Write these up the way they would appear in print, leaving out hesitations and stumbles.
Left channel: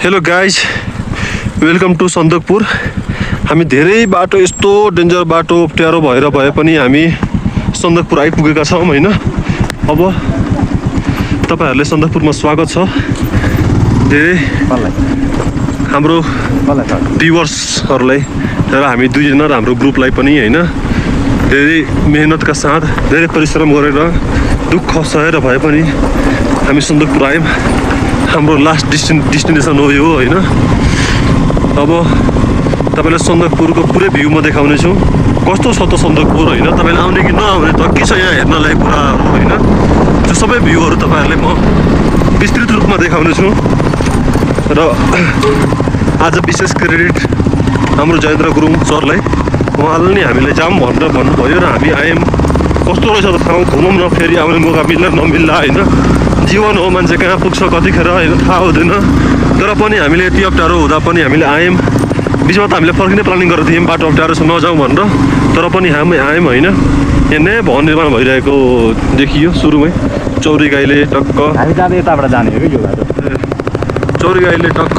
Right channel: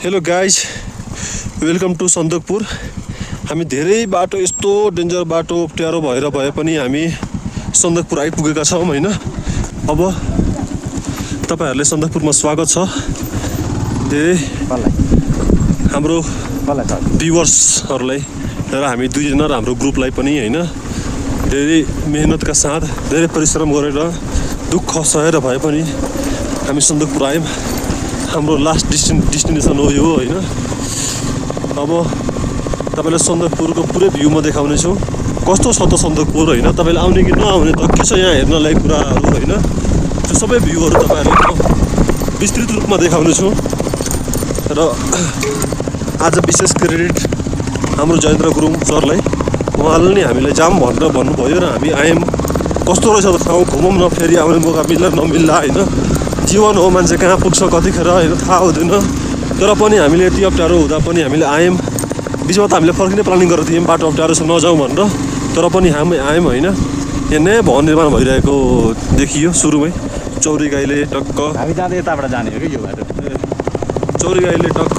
Hello guys, welcome to Sandakphu. हामी धेरै बाटो यस्तो डेन्जर बाटो अप्ठ्यारो भएर भए पनि हामी सन्दकपुर आइपुगेका छौँ होइन। अब तपाईहरुले सन्दकपुरमा स्वागत छ। धेरै हाम्रो भ्युअर्सहरुलाई र हामी दुईजना र हाम्रो ग्रुपलाई पनि होइन धेरै मेहनतका साथ धेरै परिश्रम गरेर दुःख सहेर भए पनि हामी सन्दकपुर आयौँ। हाम्रो लास्ट डेस्टिनेसन हो यो होइन। अब तपाईलाई सन्दकपुरको पुरै भ्यू म देखाउने छु। कस्तो छ त सन्दकपुर होइन, तपाईले आउने कि नआउने त के छ यहाँ हेर्नलाई कुराहरू होइन। त्यो सबै भ्यूहरू तपाईहरुले म विस्तृत रूपमा देखाउने छु। र आज विशेष क्रेडिट हाम्रो जयेन्द्र गुरुङ सरलाई, उहाँले नि हामीलाई जाम भनेर भन्नुभयो र हामी आयौँ। कस्तो रहेछ त ठाउँ, घुमौँ न, फेरि आउने मौका मिल्ला नमिल्ला होइन। जीवन हो, मान्छे कहाँ पुग्छ कतिखेर होइन थाहा हुँदैन। तर पनि हामीले यति अप्ठ्यारो हुँदा पनि हामीले आयौँ। बिचमा त हामीले फर्किने प्लानिङ गरेर थियौँ बाटो अप्ठ्यारो छ नजाउँ भनेर, तर पनि हामी आयौँ होइन। यहाँ नयाँ भवन निर्माण भइरहेको देखियो सुरुमै। चौरी गाईले टक्क हामी जाँदै यताबाट जाने हो कि यो बाटो। चौरी गाईले टक्क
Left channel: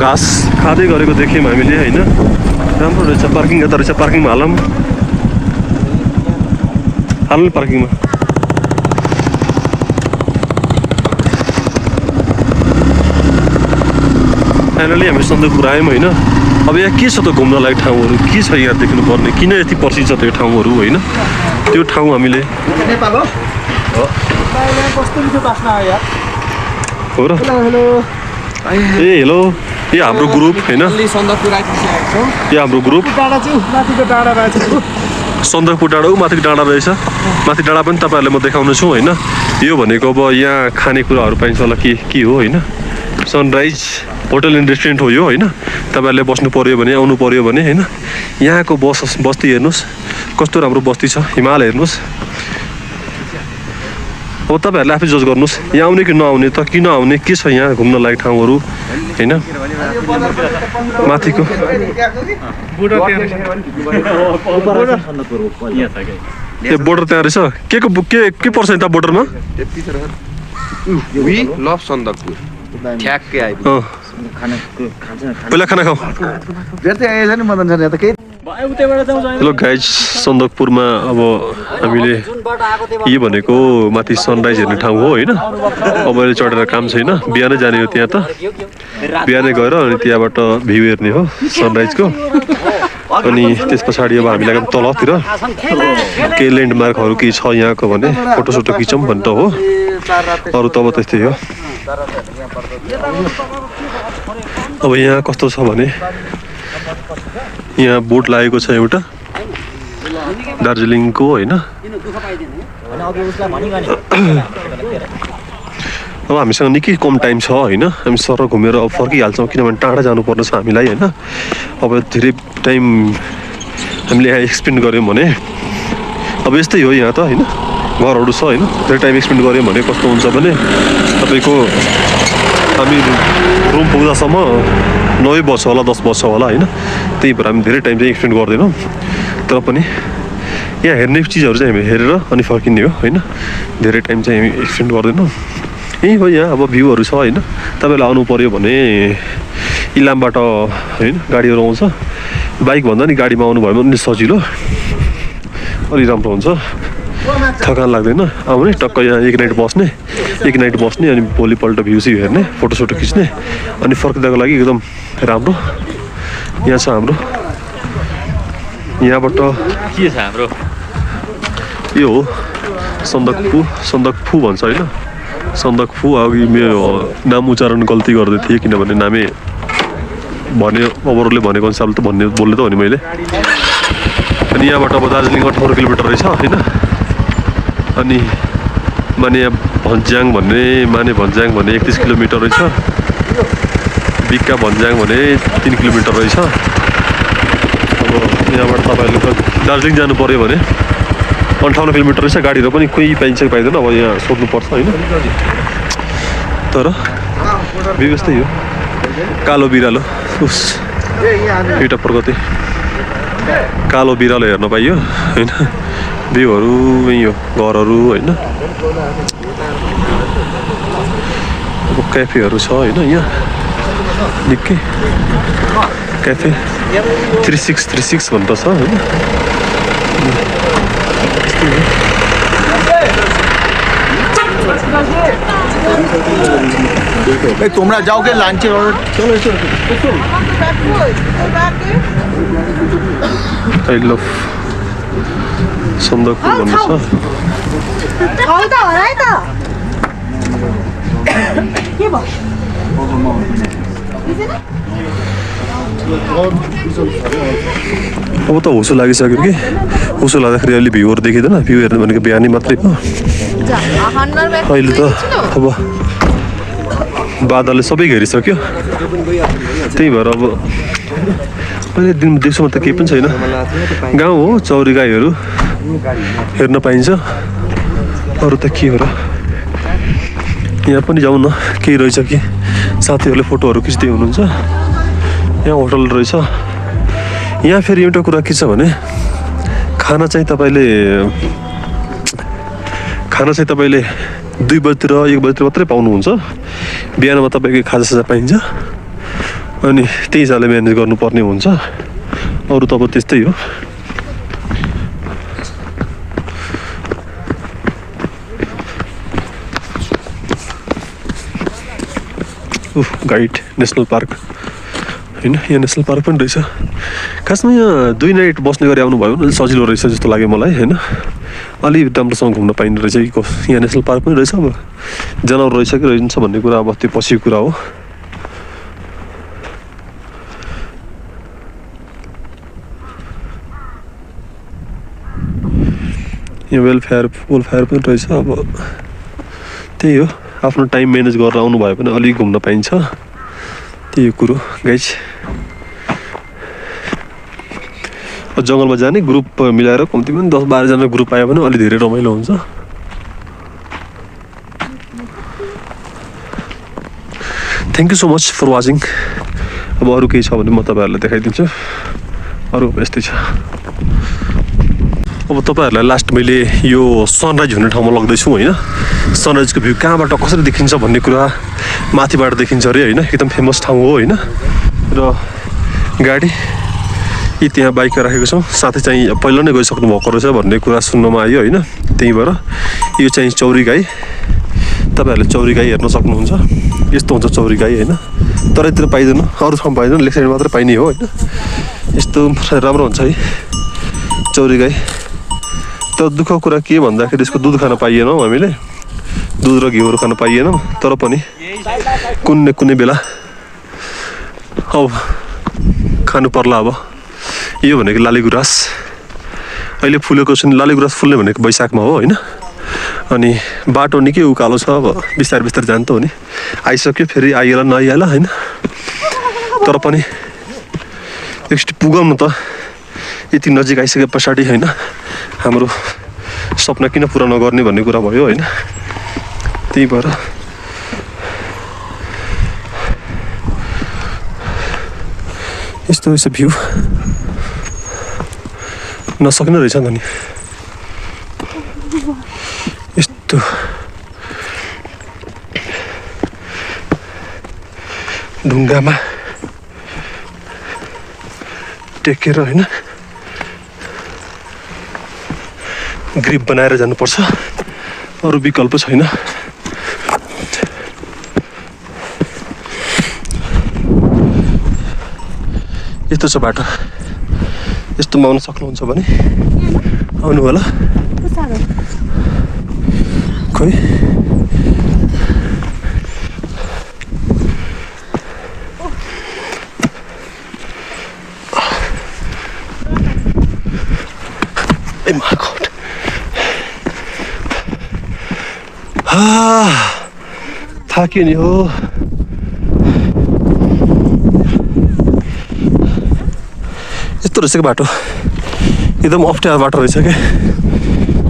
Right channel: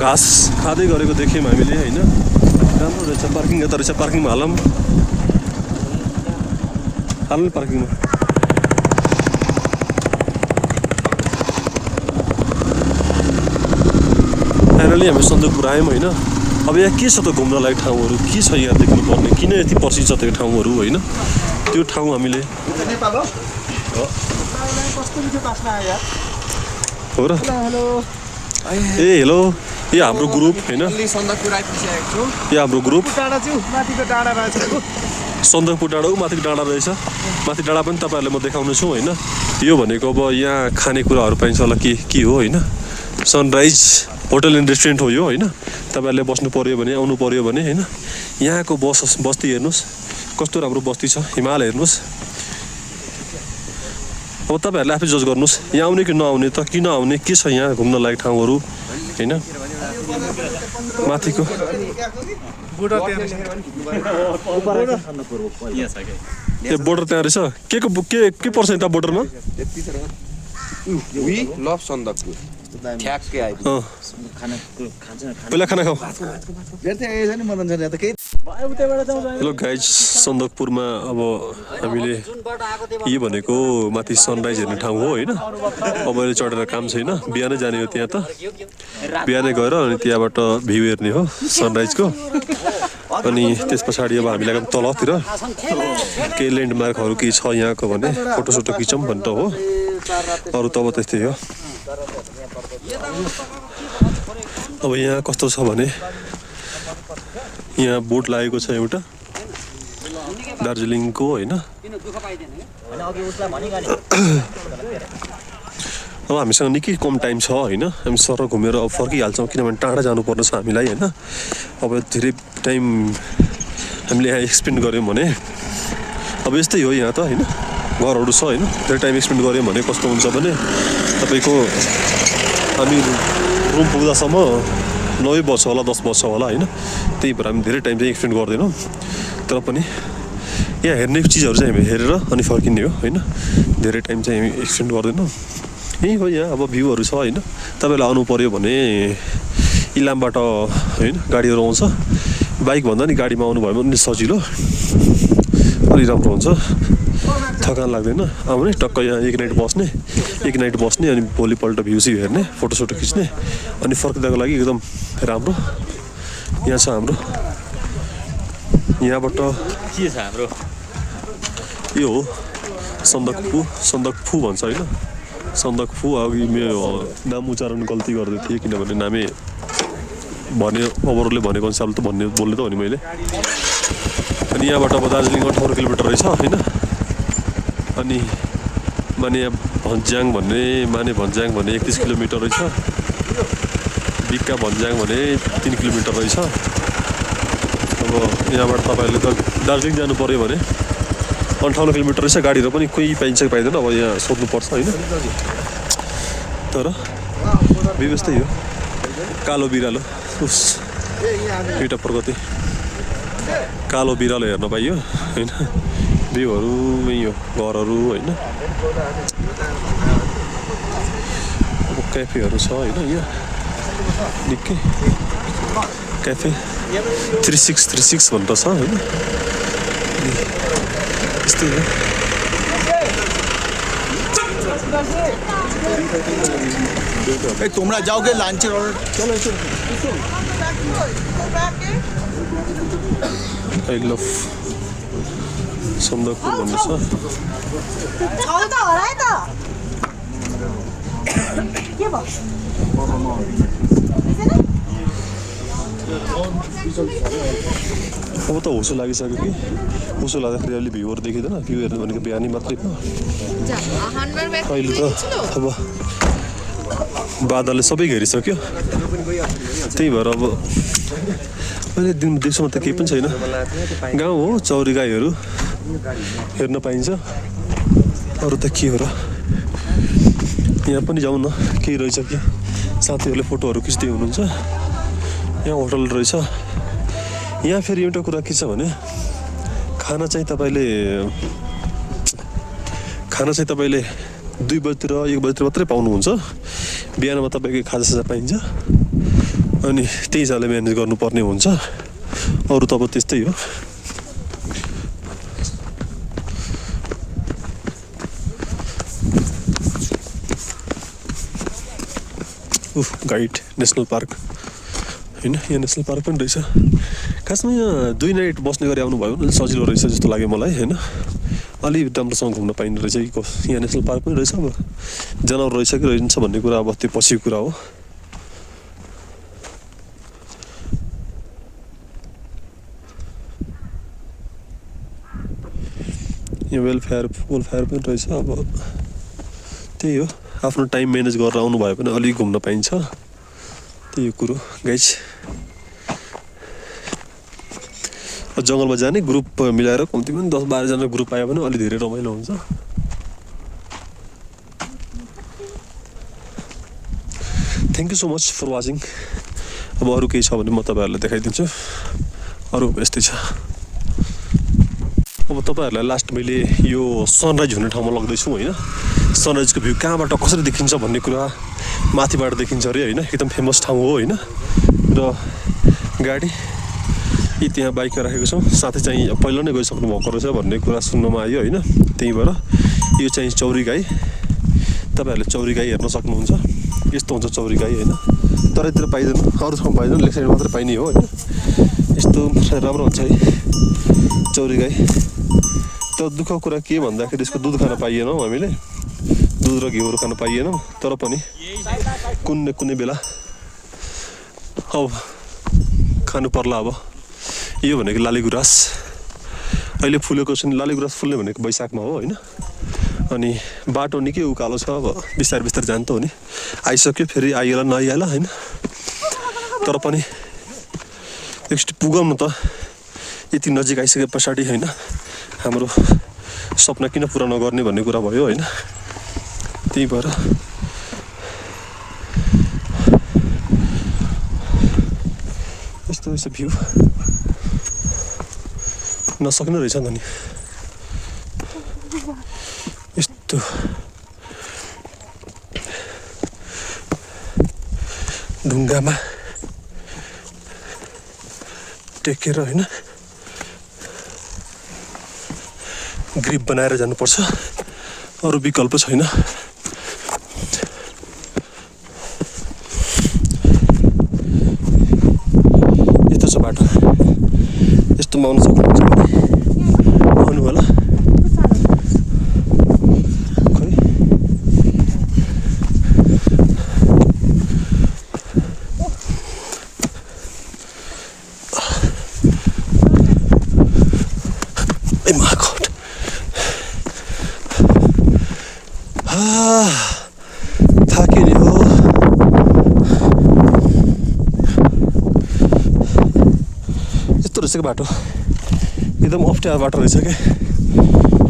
घाँस खाँदै गरेको देख्यौँ हामीले होइन। राम्रो रहेछ, पार्किङ यता रहेछ, पार्किङमा हालौँ पार्किङमा। फाइनली हामी सन्दकपुर आयौँ होइन। अब यहाँ के छ त घुम्नलाई ठाउँहरू, के छ यहाँ देख्नुपर्ने, किन यति प्रसिद्ध छ त्यो ठाउँहरू होइन। त्यो ठाउँ हामीले नेपाल हो हो र। ए हेलो, यो हाम्रो ग्रुप होइन, यो हाम्रो ग्रुप सन्दकपुर डाँडा माथिको डाँडा रहेछ। माथि डाँडा पनि तपाईँहरूलाई म देखाउने छु होइन। यो भनेको अब यहाँ खानेकुराहरू पाइन्छ होला के हो होइन। सनराइज होटल एन्ड रेस्टुरेन्ट हो यो होइन। तपाईँहरूले बस्नु पऱ्यो भने, आउनु पऱ्यो भने होइन। यहाँको बस्ती हेर्नुहोस् कस्तो राम्रो बस्ती छ। हिमाल हेर्नुहोस्। अब तपाईँहरूले आफै जज गर्नुहोस् यहाँ आउने कि नआउने त, किन आउने, के छ यहाँ घुम्न लायक ठाउँहरू होइन। माथिको ए बोर्डर त्यहाँ रहेछ। के पर्छ यता बोर्डरमा? पहिला खाना खाऊ। हेलो गाइज, सन्दकपुरमा अब हामीले यो भनेको माथि सनराइज हेर्ने ठाउँ हो होइन। अब अहिले चढेर काम छैन, बिहानै जाने हो त्यहाँ त। बिहानै गएर अनि त्यहाँबाट भ्यू हेर्ने हो सनराइजको। अनि त्यस पछाडि अब हामी लाग्यौँ तलतिर केही ल्यान्डमार्कहरू केही छ यहाँको भने फोटोसोटो खिचौँ भन्ने त हो। अरू त अब त्यस्तै हो। अब यहाँ कस्तो छ भने यहाँ बोट लागेको छ एउटा दार्जिलिङको होइन। अब हामीसँग निकै कम टाइम छ होइन। हामी सर घुमेर अब फर्किहाल्छौँ, किनभने टाढा जानुपर्ने छ हामीलाई होइन। अब धेरै टाइम हामीले यहाँ एक्सपेन्ड गऱ्यौँ भने अब यस्तै हो यहाँ त होइन। घरहरू छ होइन, धेरै टाइम एक्सपेन्ड गऱ्यौँ भने कस्तो हुन्छ भने तपाईँको हामी रुम पुग्दासम्म 9 बज्छ होला, 10 बज्छ होला होइन। त्यही भएर हामी धेरै टाइम चाहिँ एक्सपेन्ड गर्दैनौँ। तर पनि यहाँ हेर्ने चिजहरू चाहिँ हामी हेरेर अनि फर्किने हो होइन। धेरै टाइम चाहिँ हामी एक्सपेन्ड गर्दैनौँ। यहीँ हो यहाँ अब भ्यूहरू छ होइन। तपाईँलाई आउनु पऱ्यो भने इलामबाट होइन गाडीहरू आउँछ। बाइकभन्दा नि गाडीमा आउनु भयो भने सजिलो, अलि राम्रो हुन्छ, थकान लाग्दैन। आउने टक्क यहाँ एक नाइट बस्ने अनि भोलिपल्ट भ्यूसिउ हेर्ने, फोटोसोटो खिच्ने अनि फर्किँदाको लागि एकदम राम्रो। यहाँ छ हाम्रो, यहाँबाट के छ हाम्रो यो हो सन्दकफू भन्छ होइन। सन्दकफू। अघि मेरो नाम उच्चारण गल्ती गर्दै थिएँ, किनभने नामै भने अरूले भनेको अनुसार त बोल्ने त हो नि मैले। अनि यहाँबाट अब दार्जिलिङ 18 किलोमिटर रहेछ होइन। अनि माने भन्ज्याङ भन्ने 31 किलोमिटर रहेछ। बिक्का भन्ज्याङ भने 3 किलोमिटर रहेछ। अब यहाँबाट तपाईँहरूले त दार्जिलिङ जानु पऱ्यो भने 58 किलोमिटर रहेछ। गाडीहरू पनि कोही पाइन्छ कि पाइँदैन, अब यहाँ सोध्नुपर्छ होइन। तर व्यवस्थै हो। कालो बिरालो उस एउटा प्रगति कालो बिरालो हेर्न पाइयो होइन। भ्यूहरू यही हो, घरहरू होइन। अब क्याफेहरू छ होइन यहाँ। निकै क्याफे 3636 भन्दा छ होइन यस्तै हो তোমরা যাও গে লাঞ্চের অর্ডার চলো এসো आई लभ सन्दकपुर भन्ने छ छौता होला है त के भयो अब त हुसो लागिसक्यो कि हुसो लाग्दाखेरि अहिले भ्यूहरू देखिँदैन भ्यू हेर्नु भनेको बिहानी मात्रै हो अहिले त अब बादलले सबै घेरिसक्यो त्यही भएर अब अहिले दिन देख्छौँ त केही पनि छैन गाउँ हो चौरी गाईहरू हेर्न पाइन्छ अरू त के हो र यहाँ पनि जाउँ न केही रहेछ कि साथीहरूले फोटोहरू खिच्दै हुनुहुन्छ यहाँ होटल रहेछ यहाँ फेरि एउटा कुरा के छ भने खाना चाहिँ तपाईँले 2 बजीतिर 1 बजीतिर मात्रै पाउनुहुन्छ बिहानमा तपाईँको खाजासाजा पाइन्छ अनि त्यही हिसाबले म्यानेज गर्नुपर्ने हुन्छ अरू त अब त्यस्तै हो गाइड नेसनल पार्क होइन यहाँ नेसनल पार्क पनि रहेछ खासमा यहाँ 2 नाइट बस्ने गरी आउनुभयो भने सजिलो रहेछ जस्तो लाग्यो मलाई होइन अलि राम्रोसँग घुम्न पाइने रहेछ कि यहाँ नेसनल पार्क पनि रहेछ अब जनावर रहेछ कि रहन्छ भन्ने कुरा अब त्यो पछिको कुरा हो यहाँ वेलफेयर पनि रहेछ अब त्यही हो आफ्नो टाइम म्यानेज गरेर आउनुभयो भने अलिक घुम्न पाइन्छ त्यही कुरो गाइज जङ्गलमा जाने ग्रुप मिलाएर कम्ती पनि 10-12 जना ग्रुप आयो भने अलि धेरै रमाइलो हुन्छ thank you so much for watching अब अरू केही छ भने म तपाईँहरूलाई देखाइदिन्छु अरू यस्तै छ अब तपाईँहरूलाई लास्ट मैले यो सनराइज हुने ठाउँमा लग्दैछु होइन सनराइजको भ्यू कहाँबाट कसरी देखिन्छ भन्ने कुरा माथिबाट देखिन्छ अरे होइन एकदम फेमस ठाउँ हो होइन र गाडी यी त्यहाँ बाइक राखेको छौँ साथै चाहिँ पहिला नै गइसक्नु भएको रहेछ भन्ने कुरा सुन्नमा आयो होइन त्यही भएर यो चाहिँ चौरी गाई तपाईँहरूले चौरी गाई हेर्न सक्नुहुन्छ यस्तो हुन्छ चौरी गाई होइन तरैतिर पाइँदैन अरू ठाउँ पाइँदैन लेक साइड मात्रै पाइने हो होइन यस्तो राम्रो हुन्छ है चौरी गाई तर दुःखको कुरा के भन्दाखेरि यसको दुध खान पाइएनौँ हामीले दुध र घिउहरू खान पाइएनौँ तर पनि कुनै बेला अब खानु पर्ला अब यो भनेको लालीगुराँस अहिले फुलेको छ नि लालीगुराँस फुल्ने भनेको वैशाखमा हो होइन अनि बाटो निकै उकालो छ अब बिस्तारै जान्छ हो नि आइसक्यो फेरि आइएला नआइएला होइन तर पनि एकचोटि पुगौँ न त यति नजिक आइसके पछाडि होइन हाम्रो सपना किन पुरा नगर्ने भन्ने कुरा भयो होइन त्यही भएर यस्तो रहेछ भ्यू नसक्ने रहेछ नि यस्तो ढुङ्गामा टेकेर होइन ग्रिप बनाएर जानुपर्छ अरू विकल्प छैन यस्तो छ बाटो यस्तोमा आउनु सक्नुहुन्छ भने आउनु होला खोइ थाक्यो नि हो यस्तो रहेछ कि बाटो एकदम अप्ठ्यारो बाटो रहेछ क्या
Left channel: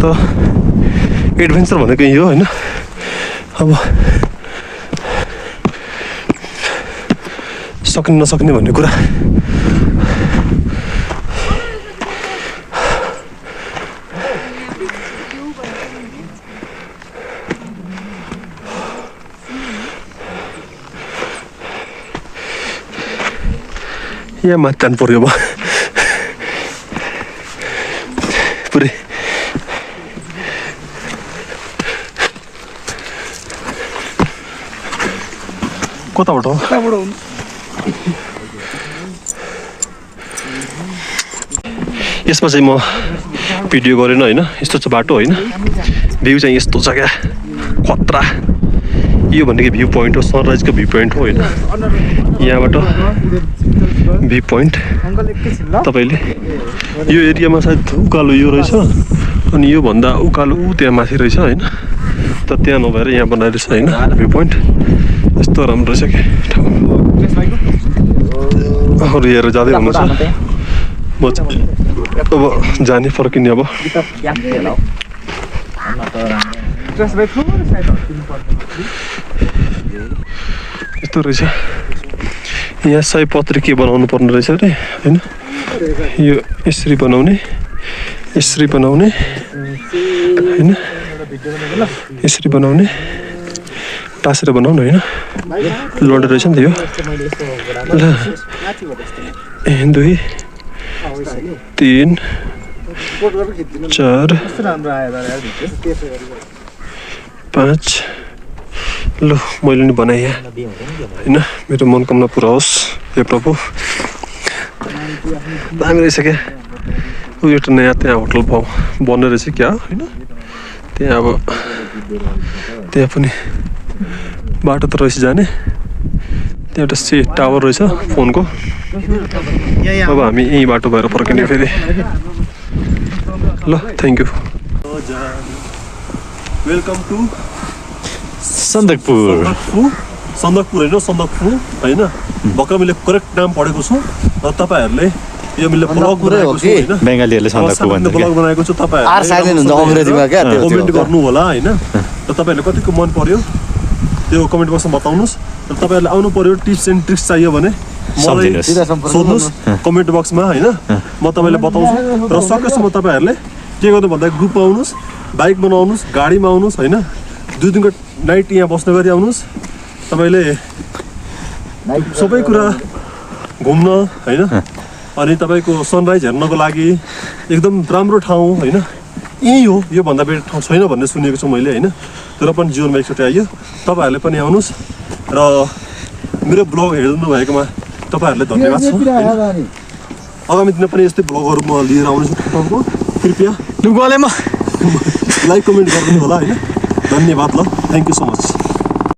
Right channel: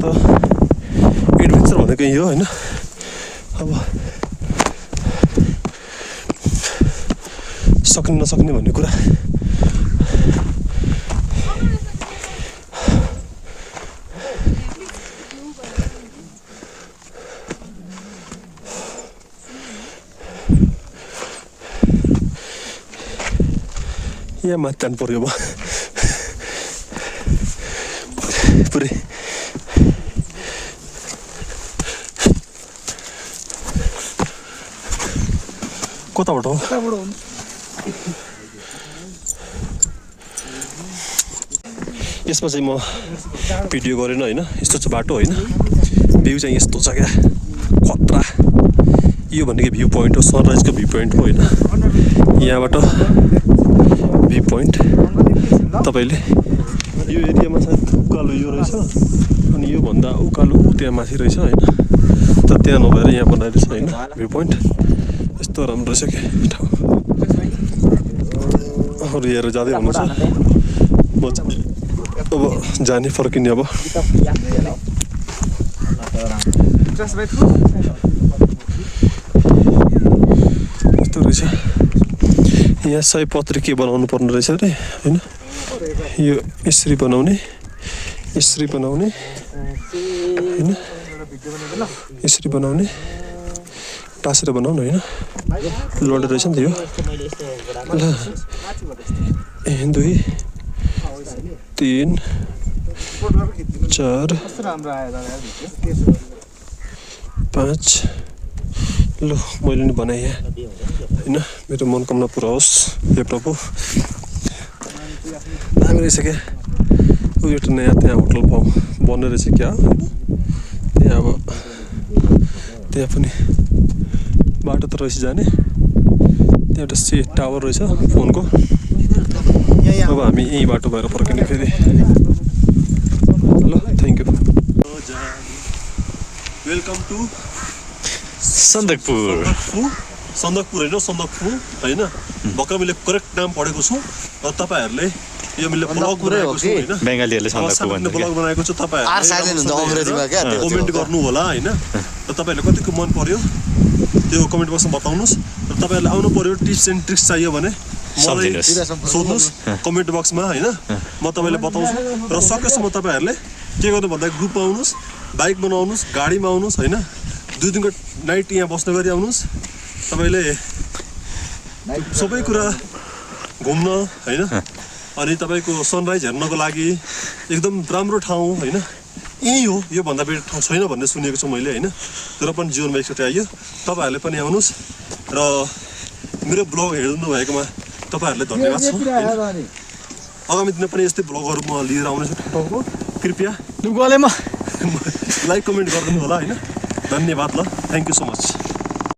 त एडभेन्चर भनेको यो होइन अब सक्ने नसक्ने भन्ने कुरा यहाँ माथि जानु पर्यो अब पुरै कताबाट हो यसमा चाहिँ म भिडियो गरेन होइन यस्तो चाहिँ बाटो होइन भ्यू चाहिँ यस्तो छ क्या खतरा यो भनेको भ्यू पोइन्ट हो सनराइजको भ्यू पोइन्ट हो होइन यहाँबाट भ्यू पोइन्ट तपाईँले यो एरियामा सायद उकालो यो रहेछ अनि योभन्दा उकालो त्यहाँ माथि रहेछ होइन तर त्यहाँ नभएर यहाँ बनाइरहेछ होइन भ्यू पोइन्ट यस्तो राम्रो रहेछ क्या ठाउँ अरू हेरेर जाँदै हुनुहुन्छ म अब जाने फर्किने अब यस्तो रहेछ यहाँ सयपत्री के बनाउनु पर्ने रहेछ अरे होइन यो यसरी बनाउने होइन यसरी बनाउने टाँसेर बनाउनु होइन लड्दो रहेछ नि त यो ल 1 2 3 4 5 ल मैले नि बनाएँ यहाँ होइन मेरो मनोकामना पुरा होस् हे प्रभु दामी रहेछ क्या उयो एउटा नयाँ त्यहाँ होटल बन्ने रहेछ क्या होइन त्यहाँ अब त्यहाँ पनि बाटो त रहेछ जाने त्यहाँ एउटा टावर रहेछ फोनको अब हामी यही बाटो भएर फर्किने फेरि ल thank you welcome to Sandakphu होइन सन्दकपू होइन भर्खर मैले करेक्ट नाम पढेको छु र तपाईँहरूले यो मैले ब्लग बनाएको छु होइन बङ्गालीहरूले सन्दकपू भन्छ ब्लग बनाएको छु तपाईँहरूले कमेन्ट गर्नु होला होइन र तपाईँहरूले कतिको मन पर्यो त्यो कमेन्ट बक्समा बताउनुहोस् र तपाईँहरूले आउनु पर्यो टिप्स एन्ड ट्रिक्स चाहियो भने मलाई सोध्नुहोस् कमेन्ट बक्समा होइन म तपाईँलाई बताउँछु र सकेसम्म तपाईँहरूले के गर्नु भन्दा ग्रुपमा आउनुहोस् बाइकमा नआउनुहोस् गाडीमा आउनुहोस् होइन 2 दिनको नाइट यहाँ बस्ने गरी आउनुहोस् तपाईँले सबै कुरा घुम्न होइन अनि तपाईँको सनराइज हेर्नको लागि एकदम राम्रो ठाउँ होइन यही हो योभन्दा बेटर ठाउँ छैन भन्ने सुनेको छु मैले होइन तर पनि जीवनमा एकचोटि आइयो तपाईँहरूले पनि आउनुहोस् र मेरो ब्लग हेर्नु भएकोमा तपाईँहरूलाई धन्यवाद छ आगामी दिनमा पनि यस्तै ब्लगहरू म लिएर आउनेछु तपाईँको कृपया गलेमा लाइक कमेन्ट गरिदिनु होला होइन धन्यवाद ल थ्याङ्क यू सो मच